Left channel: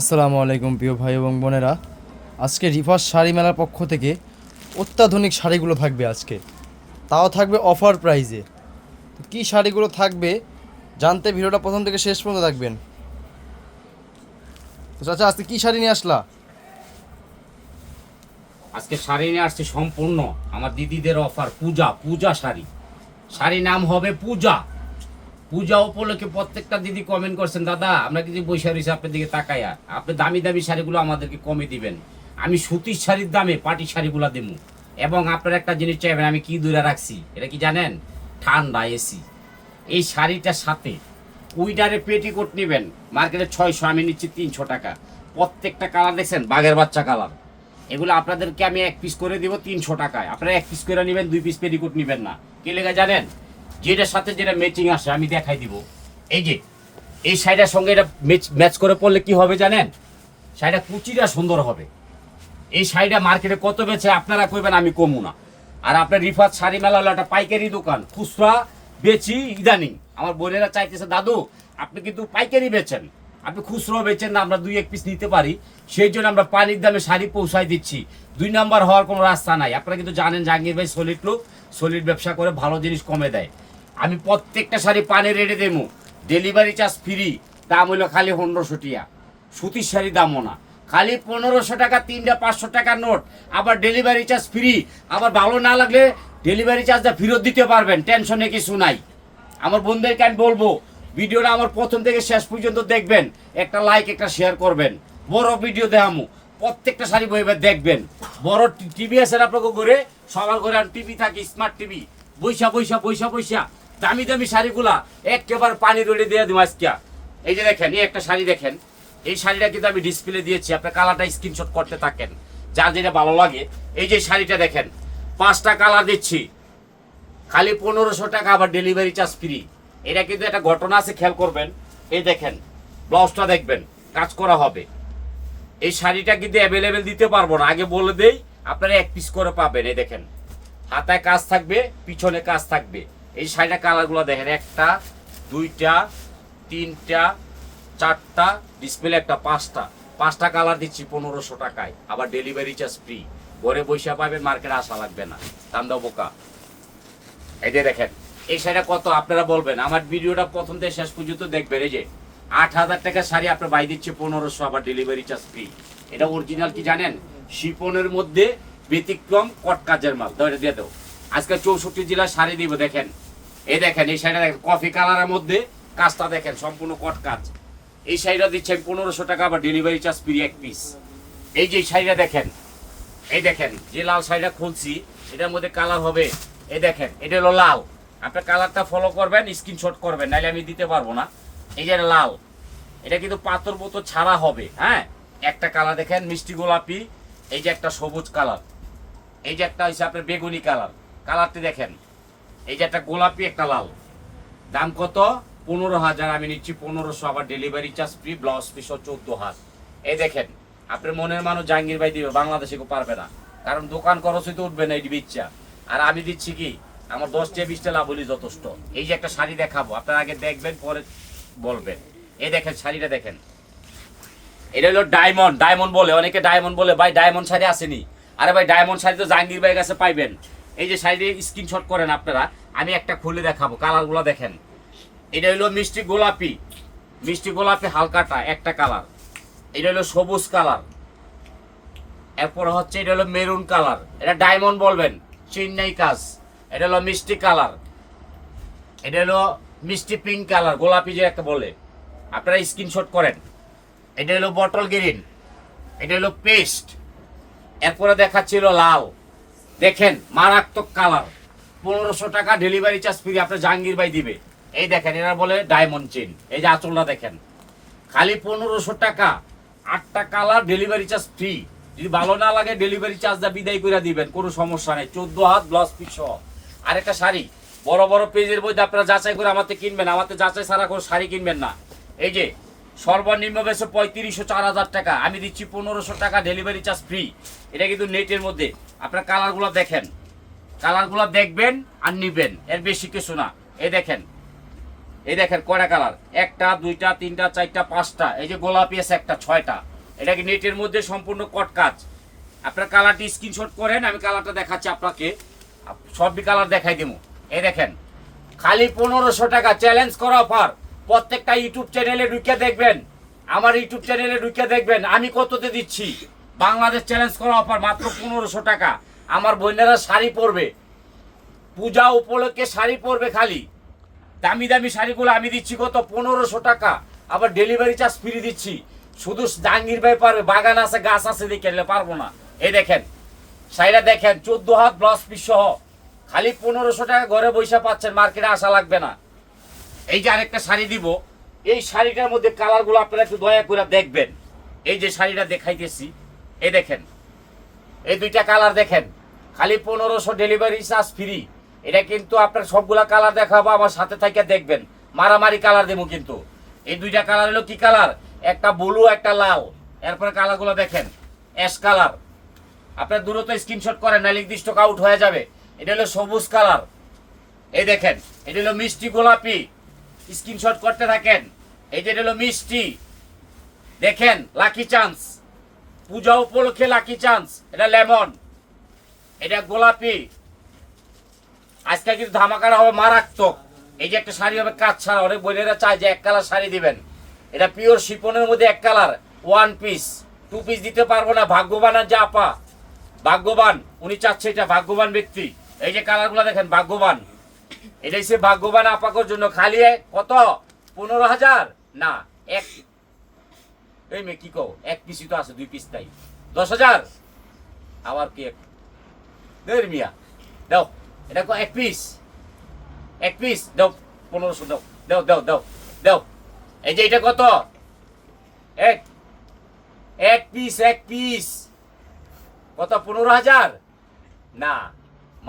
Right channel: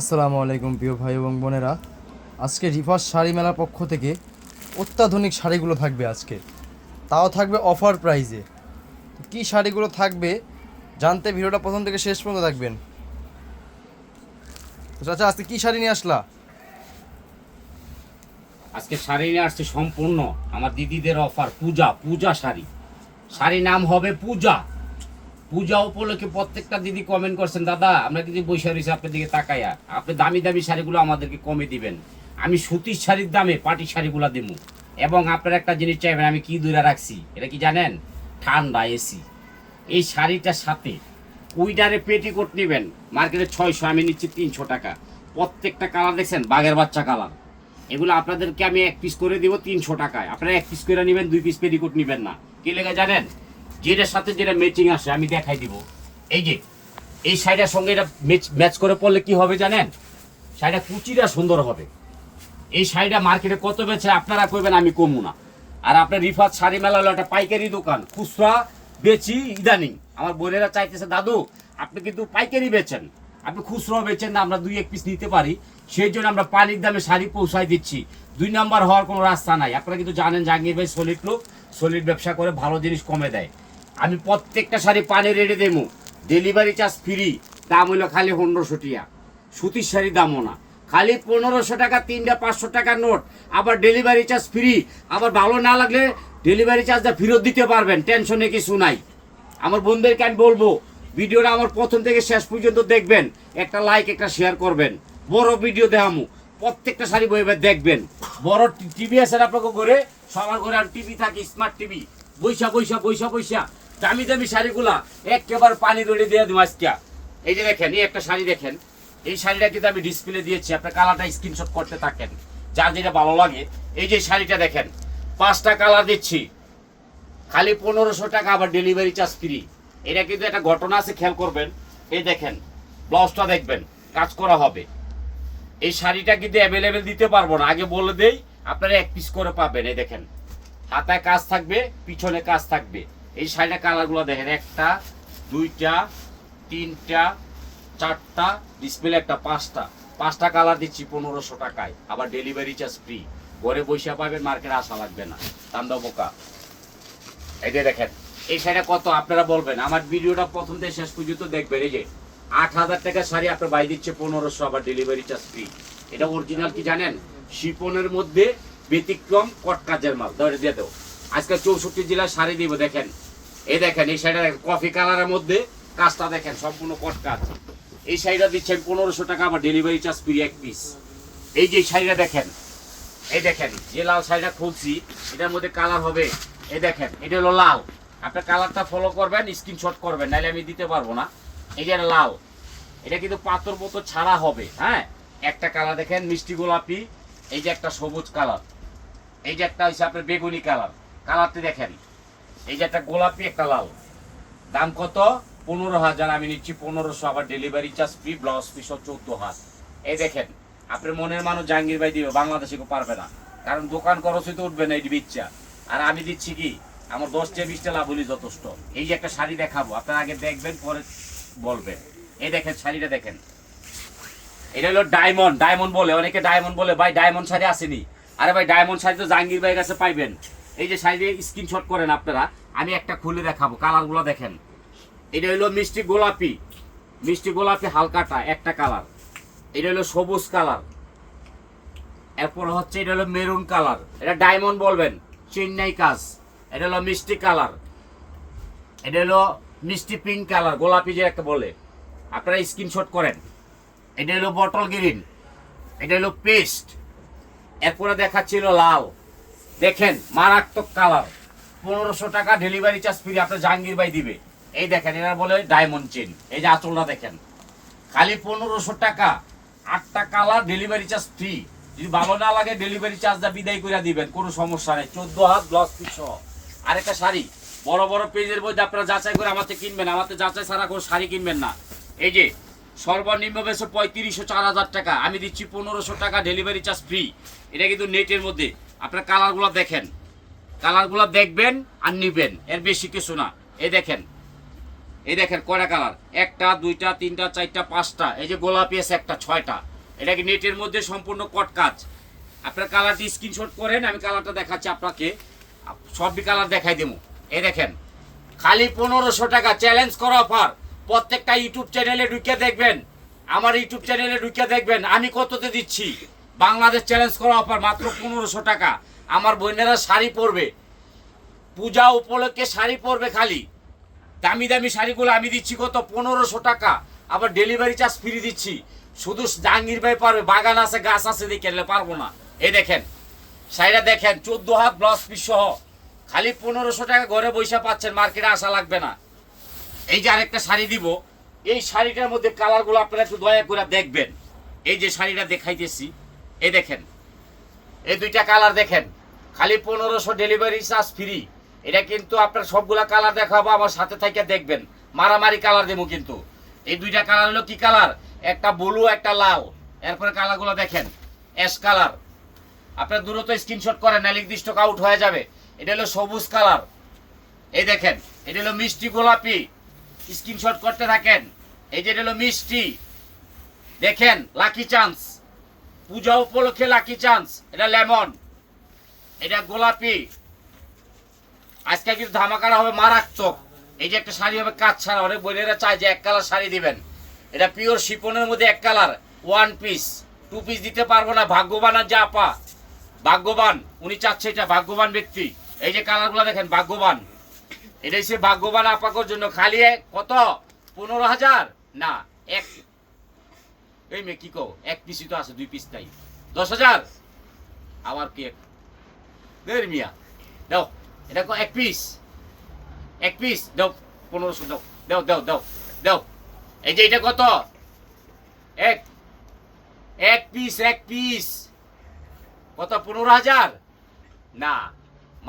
আসসালামু আলাইকুম প্রিয় ভাই এবং বোনেরা। আজকে রিভার্স শাড়ি মেলার পক্ষ থেকে অত্যাধুনিক শাড়িগুলো থাকবে আজকে, তাও থাকবে অফার প্রাইজে। কি শাড়িগুলো থাকবে জানতে ভিডিওটা প্রথম থেকে শেষ পর্যন্ত দেখবেন। তো চাচা, আজকে কি শাড়ি নিয়ে আসলা? আজকে শাড়ি নিয়ে আসছে সম্পূর্ণ আমার দিদিদের অফার। পূজা পূজা শাড়ি, শাড়ি নাম হবে পূজা। পূজা উপলক্ষে প্রত্যেকটা দিদি কমেন্ট করছেন, দাদা আমরা কিন্তু বৈশাখ হিসেবে আপনার দিকে তাকাইয়া আপনি দামি দামি শাড়িগুলো আমাদেরকে কমে দিবেন। আমি সুতির শাড়ির দামে পাটি শাড়িগুলো দেবো। এবং আপনারা একটা জিনিস চাইবেন, আমি কি দূরে রাখছি এটা কি জানেন? ঠান্ডা এসি। এই শাড়িটার সাথে উইডারে পেটিকোট নেবেন মার্কেটে 600, আমি নিচ্ছি 300 টাকা। প্রত্যেকটা কালার দেখছেন বাঘের বাচ্চা কালার। এগুলো আপনাদেরকে আমি এক পিস করে দিব 300 টাকায়। আপনারা এক পিস করে নেবেন, 2 পিস পেটিকোট নেবেন না। কি লেগে জানেন? যেটার সাথে যেটা ম্যাচিং আসে আমি দেখাই দিব। এই যে এই শাড়িটার সঙ্গে এটা ম্যাচ করে পড়লে কি হবে জানেন? শাড়িটা কুচিটা সুন্দর হবে। এই শাড়িটা মার্কেটে কত বেচে আপনারা কইবেন, আমি কমু না। আর আপনার রিফাত শাড়ি মেলা হলো একটা পাইকারি দোকান, খুচরা বেচি ইদানিং। আমার বোনেরা চাইতেছে, দাদু আপনি কিন্তু পাইকারি বেচেন, আপনি খুচরো বেচেন না, আমরা 2-1 পিস নিতে পারি। সেই জন্য আমরা পানির দামে শাড়ি পৌঁছায় দিচ্ছি। 2 নাম্বার হওয়ার কোনো রাস্তা নাই। আপনারা কিন্তু জানেন জাহাঙ্গীর ভাই সলিড লোক, সলিড ব্যবসা করে ভালো জিনিস কমে দেয়। আমি প্রত্যেকটা শাড়ি পানি রেডি দেবো, ডেলিভারি চার্জ ফ্রি। দাম হইলো খালি 1500 টাকা। সুতির শাড়ি দামও না, খালি 1500 টাকা, 3টা 500 টাকার নোট। আবার ডেলিভারি চার্জ ফ্রি। আবার ভালো না লাগলে ডেলিভারি চার্জটা ফেরত দিতে পারবেন, টেনশনে কিছু নাই। আমার বন্ধুদেরকে আমি বলবো, ভিডিওটা আমার প্রথম থেকে শেষ পর্যন্ত দেখবেন, একটা লাইক একটা শেয়ার করবেন। বড় ভিডিও দেখামু, প্রত্যেকটা শাড়ি বইবে দেখবেন। বড় টিভি আছে আপনাকে ঘরে, সবার ঘরে আর টিভি থাকে, স্মার্ট টিভি। বৈশা বৈশা বৈশা বৈশা দামি দামি শাড়িগুলা একেবারে পানি রোডে দিয়ে দিব আজকে। এই যে দেখেন, এই একটা শাড়ি দেখেন। এই শাড়িটা কিন্তু আমি ডিসপ্লে দিয়েছি, আপনার কালারটা স্ক্রিনশট করতে থাকেন, যার যেটা ভালো লাগে। এই যে শাড়িটা দেখেন, 5টা কালার দিচ্ছি, খালি 1500 টাকা, আবার ডেলিভারি চার্জ ফ্রি। এটা কিন্তু একটা ঘটনা আছে, খেয়াল করবেন। এই দেখেন, ব্লাউজটা দেখবেন, কাজ করা হবে। এই শাড়িটা কিন্তু অ্যাভেলেবেল দিতে পারবো না, আগে বলে দেই, আপনারা এক পিস করে পাবেন। এই দেখেন, হাতায় কাজ থাকবে, পিছনে কাজ থাকবে। এই শাড়িটা কালারগুলো দেখেন, 1টা 2টা 3টা 4টা, ডিসপ্লে একটা 5টা কালার দিচ্ছি 1500 টাকায়, আবার ডেলিভারি চার্জ ফ্রি। ঘরে বৈশা পাবেন, মার্কেটে আসা লাগবে না। দাম দাও বোকা। এই যে দেখেন, এই শাড়িটা কত আপনারা বলবেন, আমার ভিডিওটা প্রথম থেকে শেষ পর্যন্ত দেখবেন। এই যে 8000 টাকা শাড়ি আপনার বাই দিচ্ছে 1500, আবার ডেলিভারি চার্জ ফ্রি। এটা অরিজিনাল কি জানেন? শিপনের মধ্যে ব্যতিক্রম কট কাজের মাল। ধরে দিয়ে দেবো, আজকে 64 জেলার শাড়ি দিব। দেখেন, এই দেখেন, এই শাড়িটা দেখেন, কফি কালারের মধ্যে কাজটা দেখেন, সম্পূর্ণ কট কাজ। এই শাড়িটা দিচ্ছেন 1500 টাকা, আবার ডেলিভারি চার্জ ফ্রি এক পিস। এই যে শাড়িটা দেখেন, এই দেখেন, যে লাল শাড়িটা খুলছি এটার মধ্যে কালার হবে। এই দেখেন, এটা হলো লাল। আপনার কালারটা ফলো করবেন, স্ক্রিনশট করবেন, নাহলে আমি দিতে পারবো না। এই যে লাল, এটা কিন্তু পাথর মতো ছাড়া হবে। হ্যাঁ, একটা কালার দেখেন মিষ্টি গোলাপি, এই যে একটা সবুজ কালার, এই যে একটা হচ্ছে আপনার বেগুনি কালার। কালারটি দেখেন, এই যে একটা গোলাপি একটা লাল। দাম কত? 15,000, আমি নিচ্ছি 1500, আবার delivery charge free, blouse piece 14,000। এই দেখেন, আপনার মনের মানুষ জাহাঙ্গীর ভাই দিবে, বাংলাদেশে কেউ পারবে না, কারণ দোকান খরচই তো উঠবে না এই বিচ্ছা। আর আমি দিচ্ছি কি, আমার 10-20টা লাভ হলি যথেষ্ট। এই যে একটা শাড়ি দেখাবো, আপনারা আগে দেখবেন পরে বলবেন। এই দেখেন শাড়িটা দেখেন, এটা হলো ডায়মন্ড। ডায়মন্ড বলে অনেকে, ডায়মন্ড বলে ভাই ডায়মন্ড শাড়ি আসেনি। আরে ভাই, ডায়মন্ড শাড়ি তো জাহাঙ্গীর ভাইয়ের কাছে পাইবেন। এই যে শাড়ি স্ক্রিনশট করেন আপনারা, আমি একটা খুলে দেখাবো, কালারগুলো দেখেন। এটা হলো মিষ্টি গোলাপি, মিষ্টি গোলাপি হালকাটা একটা কালার। এটা হলো সবুজ কালার, এরপর হচ্ছে এটা হলো মেরুন কালার, এটা ডায়মন্ড বলবেন, চেন্নাই কাজ। এটা হলো মিষ্টি কালার, এটা হলো মিষ্টি পিঙ্ক কালার, গোলাপি যে একটা বলে, আপনারা স্ক্রিনশট করেন। এটা হলো বটল গ্রিন, এটা হলো পেস্ট, এরপরে দেখাচ্ছিল লাল। দেখেন, মারাত্মক কালার। 1500 টাকা, ডেলিভারি চার্জ ফ্রি, আপনার জাহাঙ্গীর ভাই দিবে। এই দেখেন, এরা বলে ডায়মন্ড চেন। এই যে আঁচলটা দেখেন, খালি 1500 টাকা, 8টা কালার, ডেলিভারি চার্জ ফ্রি। যদি ভালো না লাগে ডেলিভারি চার্জটা বিদায় করে দিবেন, কোনো সমস্যা নেই। 14 হাত ব্লাউজ পিস। আর একটা শাড়ি, বড় বড় পেজের মধ্যে আপনারা যাচাই করে আমাকে কিনবেন, আমাকে যাচাই ছাড়া কোনো শাড়ি কিনবেন না। এই যে সর্বনিম্ন বেশি 3500, 4000 টাকা, আমি দিচ্ছি 1500 টাকা, ডেলিভারি চার্জ ফ্রি। এটা কিন্তু নেটের মধ্যে। আপনার কালারগুলো দেখেন, কালারগুলো দেখবেন আর নিবেন, এর বেশি কিছু না। এই দেখেন, এই দেখেন কয়টা কালার, একটা দুইটা তিনটা চারটা পাঁচটা, এই যে গোলাপি আছে একটা, ছয়টা। এটা কি নেটের মধ্যে সম্পূর্ণ কট কাজ। আপনার কালারটি স্ক্রিনশট করেন, আমি কালারটা দেখাচ্ছি আপনাকে, সবই কালার দেখাই দেবো। এই দেখেন খালি 1500 টাকা চ্যালেঞ্জ করা অফার। প্রত্যেকটা ইউটিউব চ্যানেলে ঢুকে দেখবেন, আমার ইউটিউব চ্যানেলে ঢুকে দেখবেন আমি কততে দিচ্ছি। বাংলাদেশ চ্যালেঞ্জ করা অফার মাত্র 1500 টাকা। আমার বোনেরা শাড়ি পরবে, পূজা উপলক্ষে শাড়ি পরবে, খালি দামি দামি শাড়িগুলো আমি দিচ্ছি কত, 1500 টাকা। আবার ডেলিভারি চার্জ ফ্রি দিচ্ছি। শুধু জাহাঙ্গীর ভাই পারবে, বাগান আছে গাছ আছে দেখে নিলে পারবো না। এই দেখেন শাড়িটা দেখেন 14 হাত ব্লাউজ পিস সহ, খালি 1500 টাকা ঘরে বৈশা পাচ্ছেন, মার্কেটে আসা লাগবে না। এই যে আরেকটা শাড়ি দিব, এই শাড়িটার মধ্যে কালারগুলো আপনারা একটু দয়া করে দেখবেন। এই যে শাড়িটা দেখাইতেছি, এই দেখেন এই দুইটা কালার দেখেন, খালি 1500, ডেলিভারি চার্জ ফ্রি। এটা কিন্তু আপনার সবগুলা কালার দেখাবো, আমার সাথে থেকে দেখবেন, মারামারি কালার দেবো কিন্তু। এই দুইটা কালার হলো কি কালার, একটা ব্লু একটা লাল। এরপরে কালারগুলো দেখেন অ্যাশ কালার, আপনার দ্রুত স্ক্রিনশট করেন না নির্দিষ্ট আউট হয়ে যাবে। এটা হলো সবুজ কালার, এই দেখেন এটা হলো মিষ্টি গোলাপি, স্ক্রিনশট করতে থাকেন। এই যে এটা হলো মিষ্টি, দেখেন লাকি চান্স, পূজা উপলক্ষে লাকি চান্স। এটা লেমন, এটা গোলাপি। আজকে কিন্তু ধামাকারা হবে মারাত্মক। এই যে একটা শাড়ি হবে কাজ ছাড়া, অনেক বোনেরা চায় যে এক কালার শাড়ি দিবেন। এটা পিওর শিপনের মধ্যে এক colour, one piece, two piece দিতে পারবো না। ভাগ্যবান আর যা আপা, ভাগ্যবান উনি চাচ্ছে, এটা ভাগ্যবান ব্যক্তি। এই যে কালারগুলো দেখেন ভাগ্যবান, এটা হচ্ছে ভাগ্যবান আপাকর জন্য। খালি কত, 15,000 না, এক, এই মেয়ে কি কো, এক পিসই তো আছে, দুই পিস নাই, 10,000। আবার কি দেড় মিয়া দাও, এটা এক পিস, এক পিস দাও, 1500 দাও, দাও দাও দাও দাও। এই যে এটা কত, এক, এক পিস, এক পিস কত, 15,000 না,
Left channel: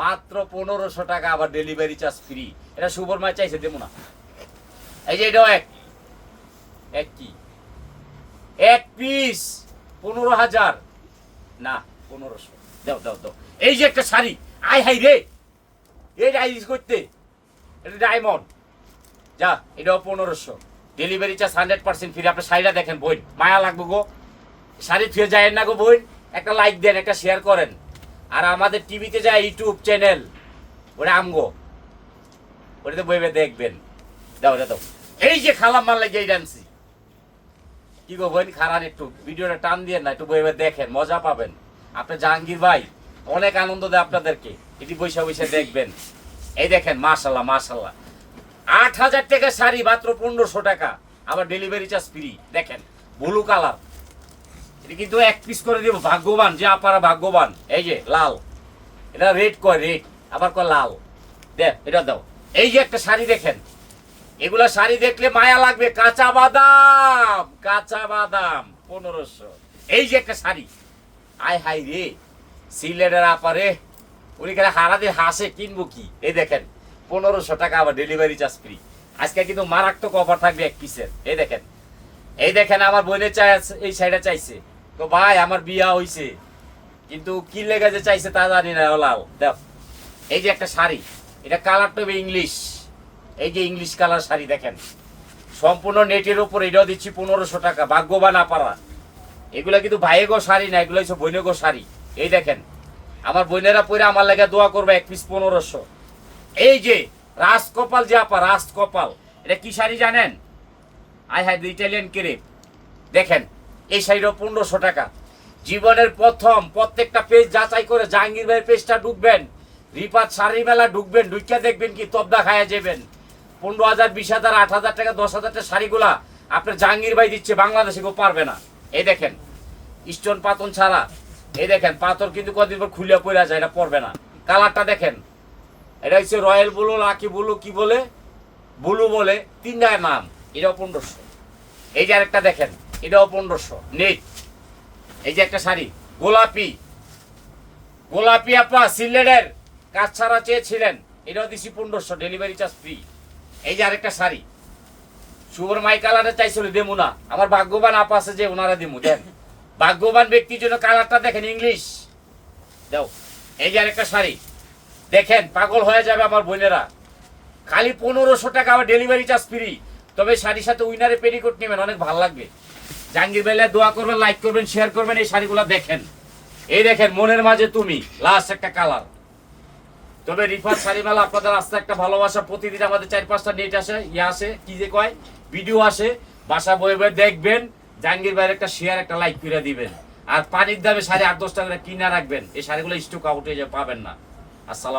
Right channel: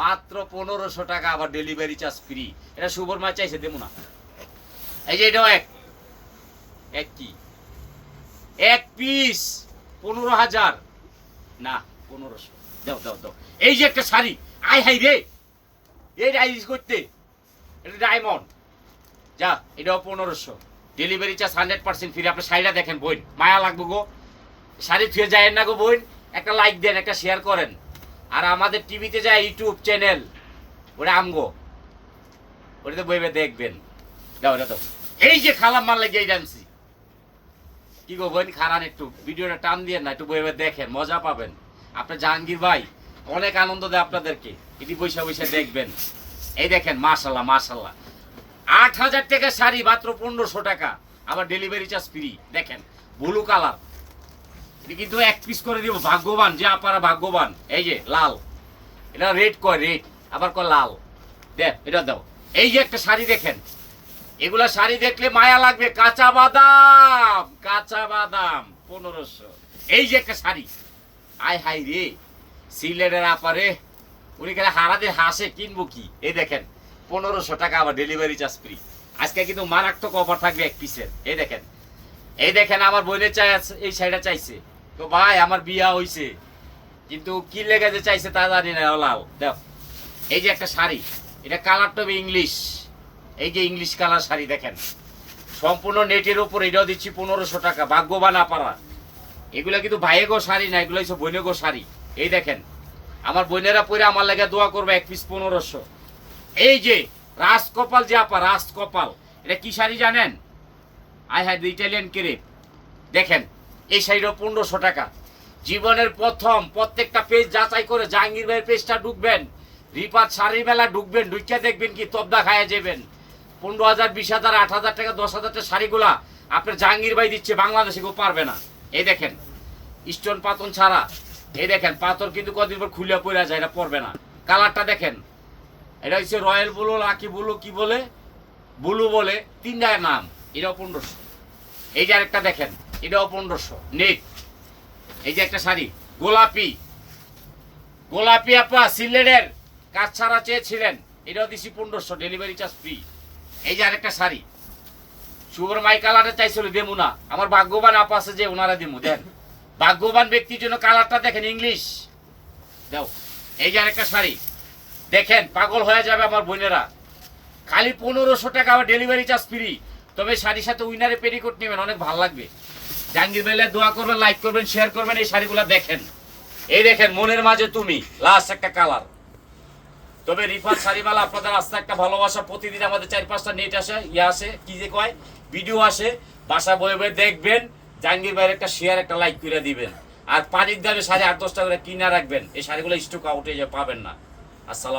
মাত্র 1500 টাকা, আবার ডেলিভারি চার্জ ফ্রি। এটা শুভর মাছ চাইছে, দেবো না। এই যে এটাও এক, এক কি, এক পিস 15,000 না, 1500 দাও দাও দাও। এই যে একটা শাড়ি, আই হাই রে, এই রাইজ করতে, এটা ডায়মন্ড, যা এটাও 1500, ডেলিভারি চার্জ 100% ফ্রি। আপনার শাড়িটা দেখেন বোন, মায়া লাগবে গো, শাড়ি ফিরে যায় না গো বোন। একটা লাইক দেন, একটা শেয়ার করেন। আর আমাদের টিভিতে যায় ইউটিউব চ্যানেল, ওটা আমগো, ওটাতে বইবে দেখবেন। দাও এটা দাও। এই যে খালাম মাল লাগে এই ডান্সি, কি গো বোন, খারান একটু ভিডিওটা টান দিয়ে না, একটু বইবে দেখেন, মজা পাবেন। আপনার জাহাঙ্গীর ভাই অনেক আনন্দ দেয় আপনাদেরকে, এটি বৈশা বৈশা দেখবেন। এই দেখেন মাশাল্লাহ মাশাল্লাহ, 8,000 টাকা শাড়ি মাত্র 1500 টাকা, আবার ডেলিভারি চার্জ ফ্রি। দেখেন ব্লু কালার, এটা কিন্তু এক পিস করে দিব, ভাগ্যবান যে আপনারা ভাগ্যবান। এই যে লাল, এটা রেড কয়, রেড আবার কয় লাল, দেখ এটা দাও। এই যে একটা শাড়ি দেখেন, এগুলা শাড়ি দেখলে মায়া লাগবে, কাঁচা বাদাম, কাঁচা বাদাম 1500। এই যে একটা শাড়ি, আয় হাই রে, সিলেটের আপারে উনি খেলে হারাদের হাসে, কিনবো কি। এই দেখেন 1500 টাকা, আবার ডেলিভারি চার্জ ফ্রি। আজকে কিন্তু মারাত্মক অফার থাকবে এক পিসের। এই দেখেন, এই দেখেন আমার বোনের চাই, এই শাড়িটা চাইছে, তো ভাই আমার বিয়া হইছে, কিন্তু কি লেগে যে চাইছে তা জানি না, লাল দেখ। এই যে একটা শাড়ি, এটা কালারটা হবে ইংলিশ, এই যে ইংলিশ কালার শাড়ি দেখেন, সম্পূর্ণ নেটের উপর, এটাও দিচ্ছি 1500 টাকা, ভাগ্যবান আপারা। এগুলা কিন্তু ভাইয়েগো শাড়ি না, এগুলো হচ্ছে বোনেগো শাড়ি। এই দেখেন আমার বোনেরা পরে আমার লেগে দোয়া করবে, এক পিস 1500। এই যে রাজকপাল যে আপা, রাজকপাল, এটা কি শাড়ি জানেন, আই হ্যাভ ইটালিয়ান ক্রেপ। দেখেন এই শাড়িটাও 1500 টাকা। জীবনের প্রথম প্রত্যেকটা পেজ যাচাই করে জাহাঙ্গীর ভাইয়ের পেজটা ঢুকবেন, রিপাত শাড়ি মেলা ঢুকবেন, ঢুকিয়া দেখবেন কি তবদা খায়া যাবেন। 15,000, 20,000, 8,000 টাকা, 10,000 টাকা শাড়িগুলা আপনার জাহাঙ্গীর ভাই দিচ্ছে, বাংলাদেশে কেউ পারবে না। এই দেখেন স্টোন পাতন ছাড়া, এই দেখেন পাথর কিন্তু কদিন পর খুলে পড়ে যায়, এটা পড়বে না। কালারটা দেখেন, এটা হচ্ছে রয়্যাল ব্লু, লাকি ব্লু, কি বলে ব্লু বলে, তিনটার নাম। এটাও 1500। এই যে আরেকটা দেখেন, এটাও 1500 নেট। এই যে একটা শাড়ি গোলাপি, গোলাপি আপা সিলেটের কাজ ছাড়া চেয়েছিলেন, এটাও দিচ্ছি 1500, ডেলিভারি চার্জ ফ্রি। এই যে আরেকটা শাড়ি সুবর মাই কালারটা চাইছিল, দেবো না, আমার ভাগ্যবান আপা আছে যে ওনারা দিমু। দেন ভাগ্যবান ব্যক্তির জন্য কালারটা দেখেন ইংলিশ, দাও। এই যে আরেকটা শাড়ি দেখেন, পাগল হয়ে যাবে আমার বোনেরা। খালি 1500 টাকা আমার ডেলিভারি চার্জ ফ্রি। তবে শাড়ির সাথে উইনারে পেরিকোট নেবেন, অনেক ভালো লাগবে। জাহাঙ্গীর ভাইলা দোয়া করবেন, লাইক করবেন, শেয়ার করবেন। এই শাড়িগুলো দেখেন, এই দেখেন মনের মাঝে তুমি, লাস্ট একটা কালার। তবে রিফাত শাড়িমালা আপনাদের আস্তে একটা ভালোবাসা। প্রতিদিন আমাদের 4-5টা নেট আসে, আসে কি যে কয় ভিডিও আসে, বাসা বয়ে বয়ে দেখবেন। জাহাঙ্গীর ভাইয়ের একটা শেয়ার, একটা লাইক করে দিবেন। আর পানির দামে শাড়ি 8-10 টাকা করে কিনা রাখবেন। এই শাড়িগুলো স্টক আউটে পাবেন না। আসসালাম।